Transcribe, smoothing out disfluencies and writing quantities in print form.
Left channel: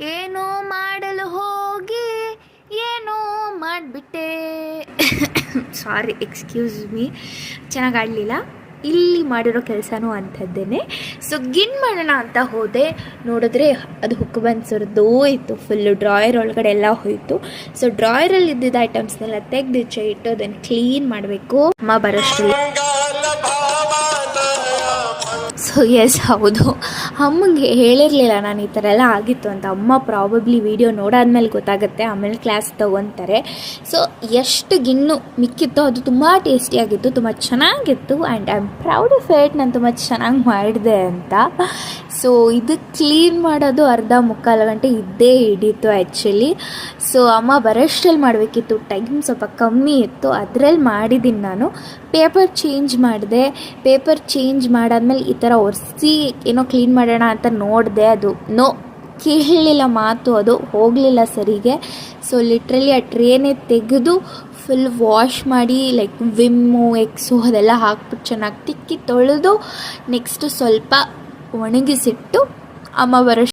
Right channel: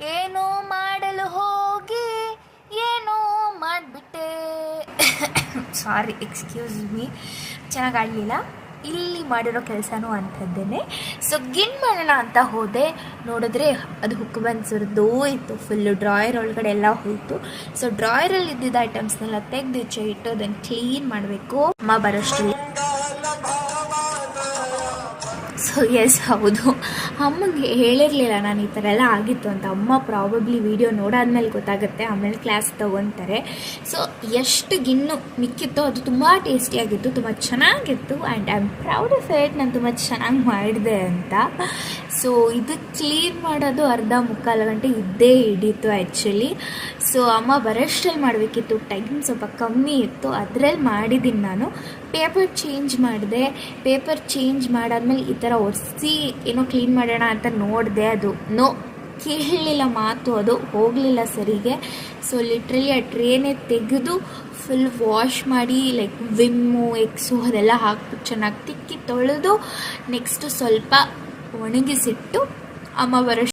ಏನೋ ಮಾಡಲು ಹೋಗಿ ಏನೋ ಮಾಡಿಬಿಟ್ಟೆ. ಸಾರಿ, ಎಕ್ಸ್ಕ್ಯೂಸ್ ಮೀ, ಚೆನ್ನಾಗಿ ಆಡಲಿಲ್ಲ. ಇಲ್ಲಿ ಮಾಡಿರೋ ಕೆಲಸನೂ ಅಂಥದ್ದೇ. ಸೊ ಗಿನ್ ಮಾಡೋಣ ಅಂತ ಹೋದೆ, ನೋಡಿದ್ರೆ ಅದು ಹುಕ್ ಬಂದು ಸುರಿದೋಯ್ತು, ಫುಲ್ಲು ಡ್ರಾಯರ್ ಒಳಗಡೆ ಎಲ್ಲ ಹೋಯಿತು. ಸೊ ಡ್ರಾಯರಲ್ಲಿ ಇದ್ದಿದ್ದ ಐಟಮ್ಸ್ನೆಲ್ಲ ತೆಗೆದು ಈಚೆ ಇಟ್ಟು ಅದನ್ನು ಕ್ಲೀನ್ ಮಾಡಬೇಕು. ಅಮ್ಮ ಬರೋಷ್ಟಿಲ್ಲ. ಸೊ ಎಸ್, ಹೌದು, ಅಮ್ಮಗೆ ಹೇಳಿರಲಿಲ್ಲ ನಾನು ಈ ಥರ ಎಲ್ಲ ಆಗಿತ್ತು ಅಂತ. ಅಮ್ಮ ಪ್ರಾಬಬ್ಲಿ ವಿಡಿಯೋ ನೋಡಾದ್ಮೇಲೆ ಗೊತ್ತಾಗುತ್ತೆ, ಆಮೇಲೆ ಕ್ಲಾಸ್ ತೊಗೊತಾರೆ. ಸೊ ಎಷ್ಟು ಗಿಣ್ಣು ಮಿಕ್ಕಿತ್ತೋ ಅದು ತುಂಬ ಟೇಸ್ಟಿಯಾಗಿತ್ತು, ತುಂಬ ಚೆನ್ನಾಗಿತ್ತು. And I am proud of it, ನಾನು ತುಂಬ ಚೆನ್ನಾಗಿ ಮಾಡಿದೆ ಅಂತ. ಸೊ ಇದು ಕ್ಲೀನ್ ಮಾಡೋದು ಅರ್ಧ ಮುಕ್ಕಾಲು ಗಂಟೆ ಇದ್ದೇ ಹಿಡೀತು ಆ್ಯಕ್ಚುಲಿ. ಸೊ ಅಮ್ಮ ಬರೋಷ್ಟಲ್ಲಿ ಮಾಡಬೇಕಿತ್ತು, ಟೈಮ್ ಸ್ವಲ್ಪ ಕಮ್ಮಿ ಇತ್ತು, ಅದರಲ್ಲಿ ಮಾಡಿದ್ದೀನಿ ನಾನು. ಪೇಪರ್ ಚೇಂಜ್ ಮಾಡಿದೆ. ಪೇಪರ್ ಚೇಂಜ್ ಮಾಡಾದ್ಮೇಲೆ ಈ ಥರ ಒರೆಸಿ ಏನೋ ಕ್ಲೀನ್ ಮಾಡೋಣ ಅಂತ ನೋಡಿದೆ, ಅದು ಕೇಳಲಿಲ್ಲ ಮಾತು, ಅದು ಹೋಗಲಿಲ್ಲ ಸರಿಗೆ. ಸೊ ಲಿಟ್ರಲಿ ಆ ಟ್ರೇನೇ ತೆಗೆದು ಫುಲ್ ವಾಶ್ ಮಾಡಿ, ಲೈಕ್ ವಿಮ್ಮು ಎಕ್ಸು ಅದೆಲ್ಲ ಹಾಕ್ಬಿಟ್ಟು ಚೆನ್ನಾಗಿ ತಿಕ್ಕಿ ತೊಳೆದು ನೆಕ್ಸ್ಟು ಸ್ವಲ್ಪ ಒಣಗಿಸಿಟ್ಟು ಅಮ್ಮ ಬರೋ